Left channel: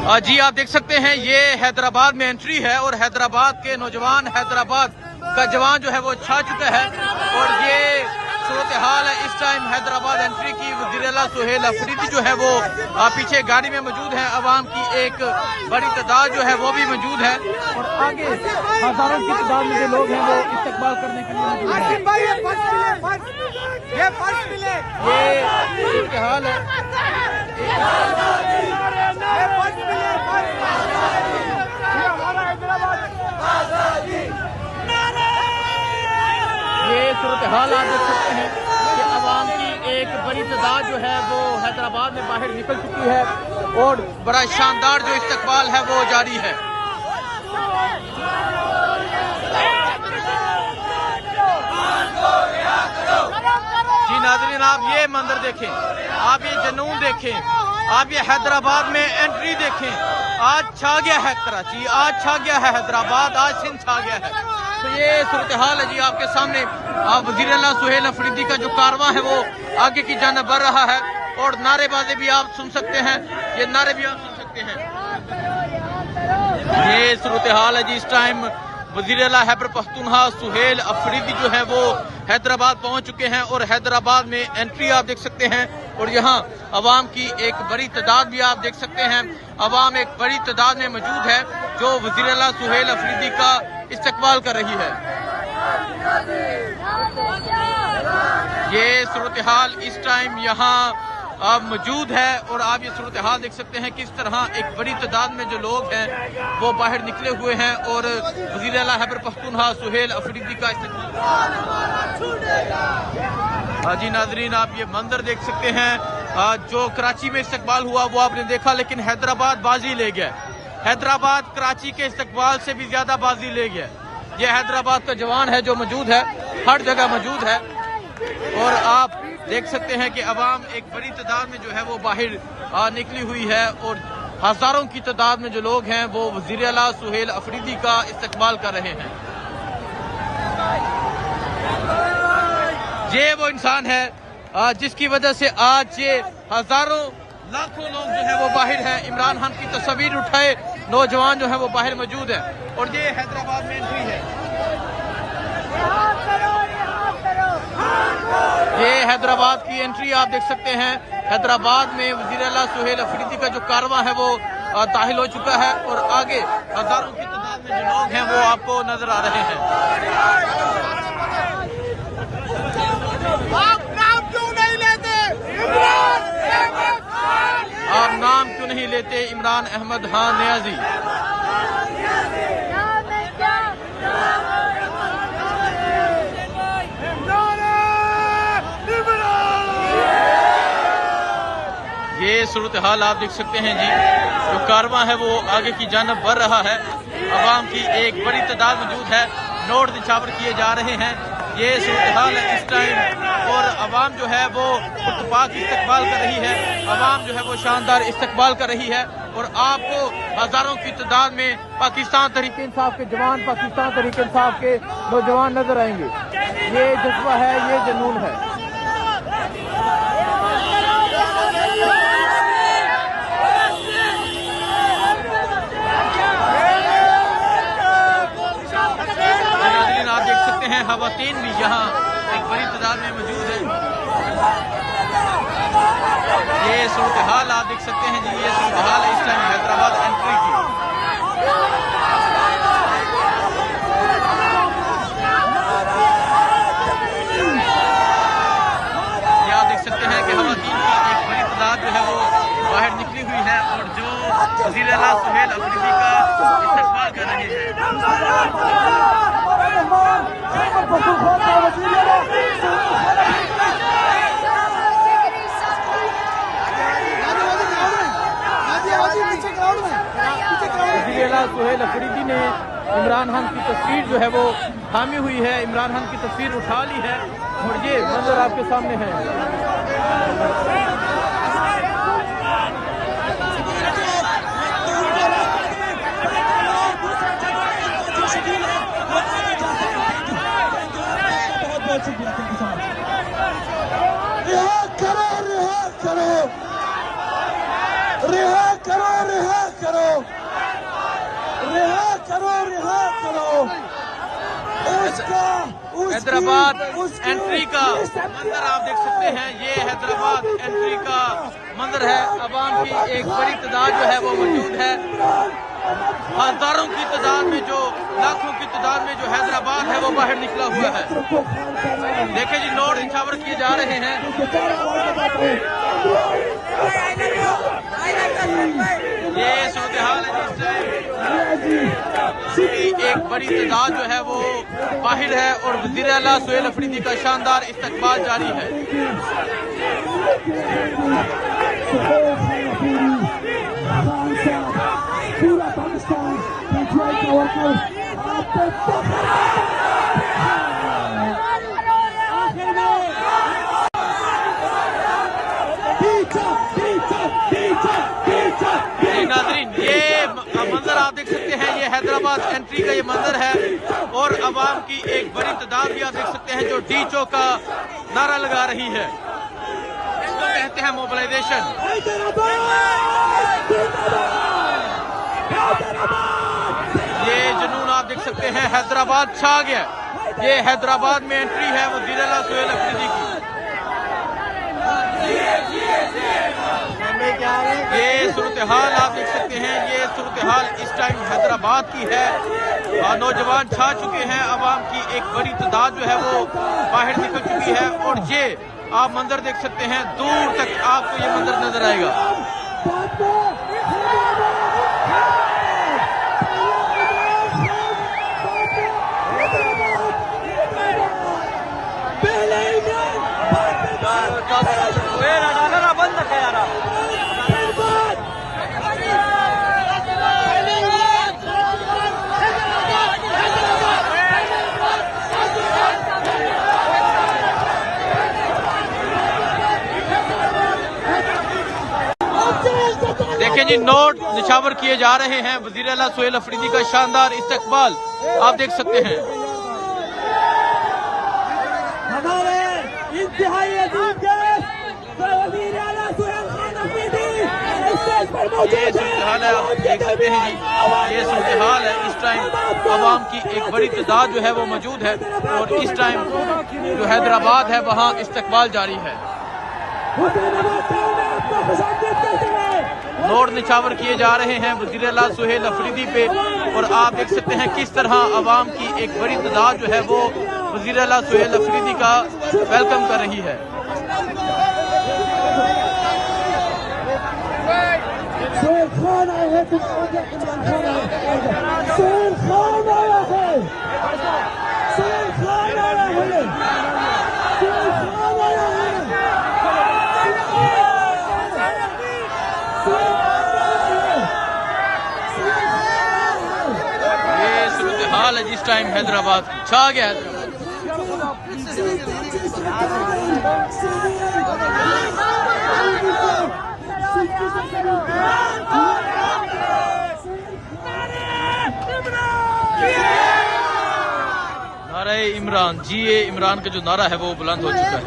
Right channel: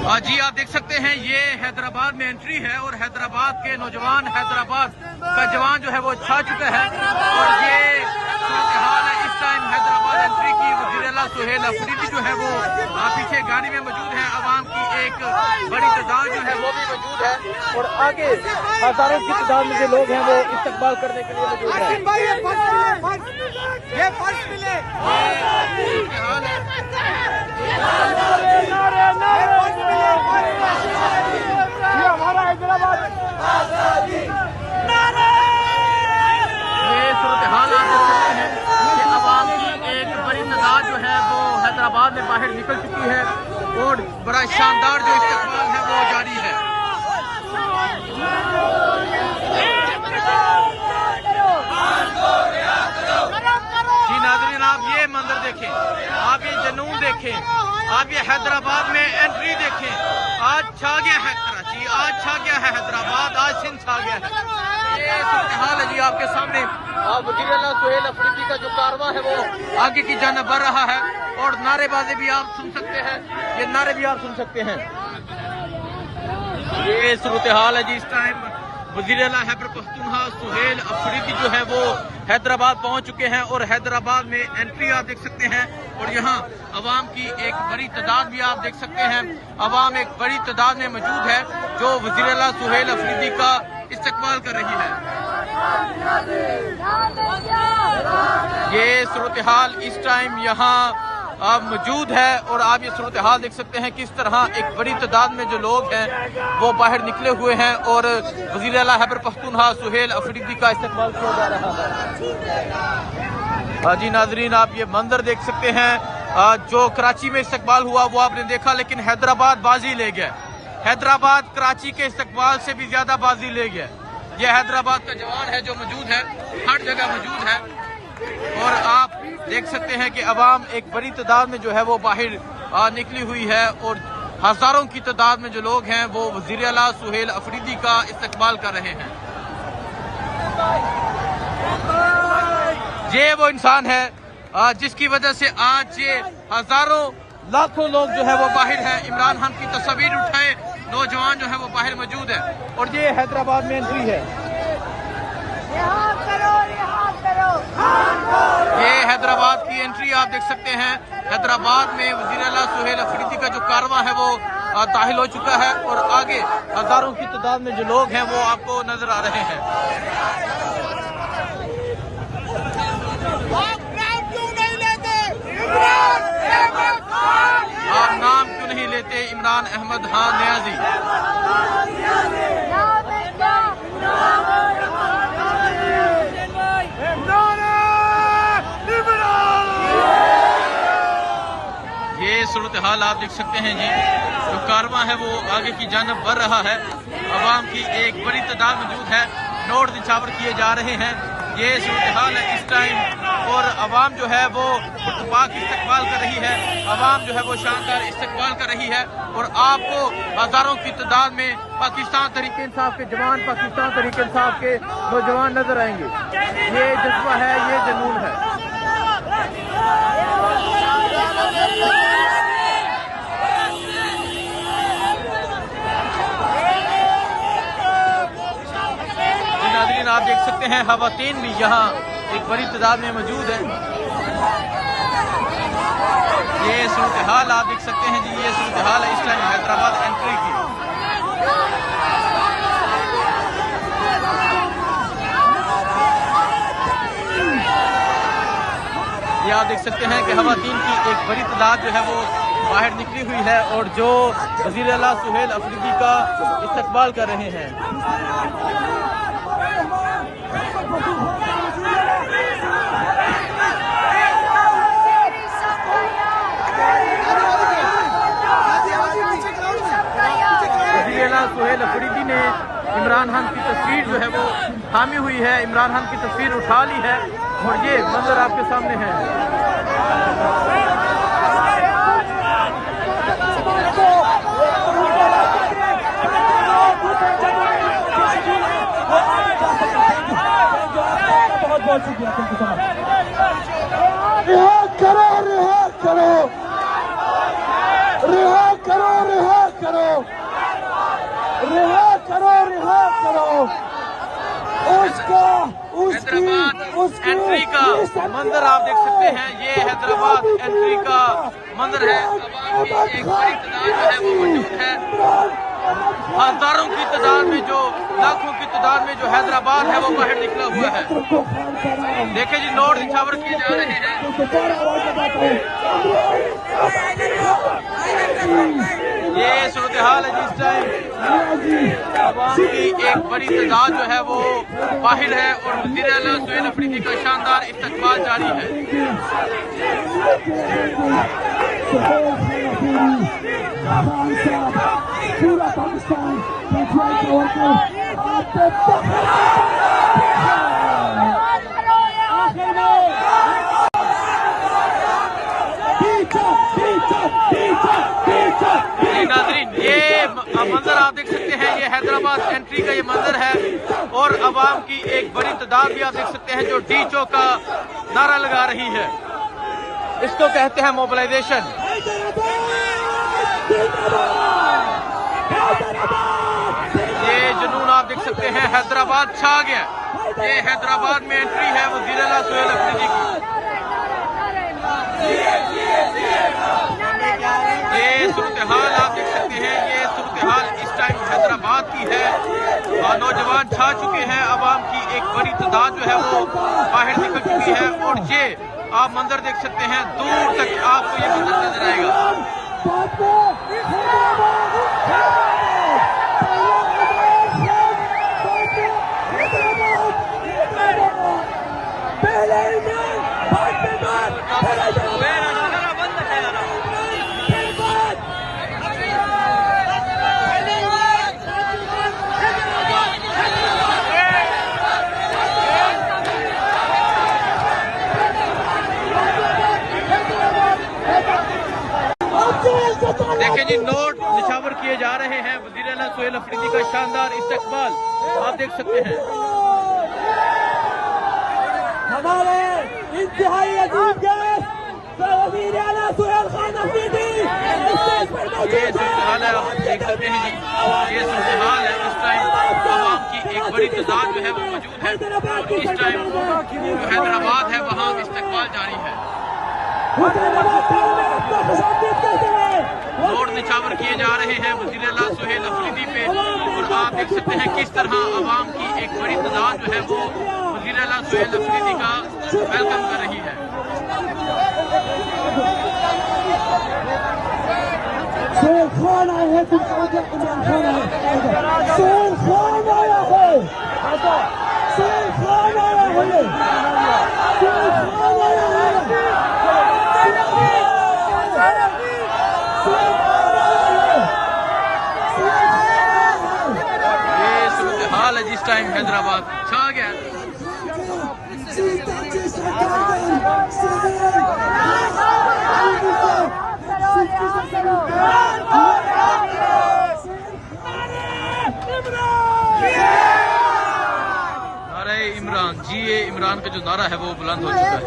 जी आप देख सकते हैं ये हैदराबाद में एंट्री है और हैदराबाद के नौजवान, हैदराबाद का जवान जो है वो छा चुका है और ये सूरत हाल है इस टाइम हैदराबाद एंट्री की। वज़ीर-ए-आला सुहेल अफरीदी जो है वो पीछे गाड़ी में मौजूद है। अवाम की एक बड़ी तादाद जो है वो भी मौजूद है और आगे हजारों की तादाद में जो लोग हैं वो इस्तकबाल करने के लिए मौजूद है। ये हाल है। ये सूरत हाल आप देख सकते हैं कि अवाम की एक बड़ी तादाद जो है वो हैदराबाद में बाहर निकल चुकी है और बड़ा शानदार जो इस्तकबाल है वो जारी है। जी नाज़रीन आप ये मंजर देखें, आप ये जुनून देखें, आप ये हैदराबाद में एंट्री देखें। आज छा गया है कराची, आज छा गया है हैदराबाद, आज सिंध छा गया है। तो ये सूरत हाल है जी आपके सामने। आप वज़ीर-ए-आला सुहेल अफरीदी का जो कारवां है वो आगे की जानिब बढ़ रहा है और नारेबाजी भी आप सुन सकते हैं, ये नारे भी आप सुन सकते हैं। ये सूरत हाल है जी इस टाइम वज़ीर-ए-आला खैबर पख्तूनख्वा सुहेल अफरीदी जो है वो हैदराबाद पहुंच चुके हैं और हैदराबाद में एंट्री आप देख सकते हैं और यहाँ अवाम की एक बड़ी तादाद भी आप देख सकते हैं। अवाम एक बड़ी तादाद में मौजूद है जो वज़ीर-ए-आला सुहेल अफरीदी का इस्तकबाल कर रही है। ये सूरत हाल इस टाइम यहाँ मौजूद है और आप ये सूरत हाल देख सकते हैं किस तरह एक बड़ी तादाद में जो लोग हैं वो बाहर निकले हुए हैं और वज़ीर-ए-आला खैबर पख्तूनख्वा सुहेल अफरीदी का इस्तकबाल। जी नाजरीन आप ये मंजर देख सकते हैं जो कराची में इस्तकबाल हुआ वो आपने देखा, लेकिन हैदराबाद बाजी ले गया। हैदराबाद कराची के इस्तकबाल से भी ज्यादा बाजी ले गया। ये हैदराबाद का जवान है जो मौजूद है, हर जगह मौजूद है और आप देख सकते हैं कि अवाम एक बड़ी तादाद में जो है वो बाहर निकली हुई है और हजारों की तादाद में जो लोग हैं वो वज़ीर-ए-आला सुहेल अफरीदी का इस्तकबाल कर रहे हैं। ये वो इंसान है जिसकी वजह से आज ये हजारों लाखों लोग जो है वो बाहर हैं। इमरान खान की तस्वीर उठाए नौजवान जो है वो बाहर मौजूद हैं और ये हैदराबाद में एंट्री है। ये हैदराबाद की एंट्री आप देख सकते हैं। हैदराबाद में वज़ीर-ए-आला सुहेल अफरीदी का जो कारवां है वो दाखिल हो चुका है और आगे हजारों की तादाद में जो लोग हैं वो आपको नजर आ रहे हैं। आप नाम क्यों नहीं लेते इमरान अहमद खान नियाजी? ये सूरत हाल आप देख सकते हैं जी, जो कारवां है वो आगे की जानिब बढ़ रहा है। अवाम की एक बड़ी तादाद मौजूद है, नोट निछावर किए जा रहे हैं। ये सूरत हाल है इस टाइम और अवाम जो है वो पुरतपाक इस्तकबाल कर रही है। अवाम जो है वो शानदार इस्तकबाल कर रही है और आपको हजारों की तादाद में पाकिस्तान तहरीक इंसाफ के जवान, पाकिस्तान तहरीक इंसाफ के नौजवान नजर आएंगे। ये जज्बा है, ये जुनून है। नाज़रीन आप देख सकते हैं खवातीन भी यहाँ एक बड़ी तादाद में मौजूद है। ये सूरत हाल आप देख सकते हैं जी, ये सूरत हाल है इस टाइम हैदराबाद एंट्री की। ये आप देख सकते हैं कि खवातीन की एक बड़ी तादाद जो है वो बाहर निकली हुई है और जो वज़ीर-ए-आला सुहेल अफरीदी का इस्तकबाल कर रहे हैं। वज़ीर-ए-आला सुहेल अफरीदी ने इमरान खान की तस्वीर जो है वो थामी हुई है, इमरान खान की तस्वीर उठा ली है और ये मंजर आपके सामने है। रिहा करो, रिहा करो, रिहा करो, रिहा करो। हैदराबाद एंट्री का मंजर आप देख सकते हैं। ये हैदराबाद एंट्री का मंजर है। अवाम की एक बड़ी तादाद जो है वो मौजूद है। हजारों की तादाद में, जो लाखों की तादाद में जो हैदराबाद है वो बाहर निकला हुआ है। देखे जी, नोट निछावर किए जा रहे हैं। ये सूरत हाल है जिस टाइम की एक बड़ी तादाद जो है वो बाहर है और वज़ीर आला सुहेल अफरीदी का शानदार इस्तकबाल जारी है। ये मंजर आप देख सकते हैं। ये हैदराबाद एंट्री का ये मंजर है और अवाम की एक बड़ी तादाद भी आप देख सकते हैं जो डीचो का नारा लगा रही है। इसको कहते हैं मोबिलाइजेशन। ये जुनून आप देख सकते हैं। हैदराबाद छा गया। ये हैदराबाद में एंट्री है वज़ीर आला सुहेल अफरीदी की। ये सूरत हाल आप देख सकते हैं। ये सूरत हाल इस टाइम हैदराबाद की है और नौजवान छा चुके हैं। अवाम की एक बड़ी तादाद जो है वो बाहर निकल चुकी है और ये आप मंजर देख सकते हैं। दूर तक आपको ये मंजर नजर आएगा। देखें जी, नोट निछावर किए जा रहे हैं। वज़ीर आला सुहेल अफरीदी का शानदार इस्तकबाल आप देख सकते हैं। हमारे इंतहाई अजीब गेस्ट वज़ीर आला सुहेल खान अफरीदी ये सूरत हाल है, आप देख सकते हैं जी। ये सूरत हाल है इस टाइम। अवाम की एक बड़ी तादाद जो है वो मौजूद है और इस टाइम जो हैदराबाद है वहाँ इस्तकबाल जारी है। नोट निछावर किए जा रहे हैं वज़ीर आला सुहेल अफरीदी पे और आप देख सकते हैं किस तरह अवाम की एक बड़ी तादाद जो है वो वज़ीर आला सुहेल अफरीदी का वेलकम कर रही है। ये सूरत हाल है जिस टाइम हैदराबाद छा गया। नारा इमरान, जी ये इमरान का जो नारा है वो बुलंद हो चुका है।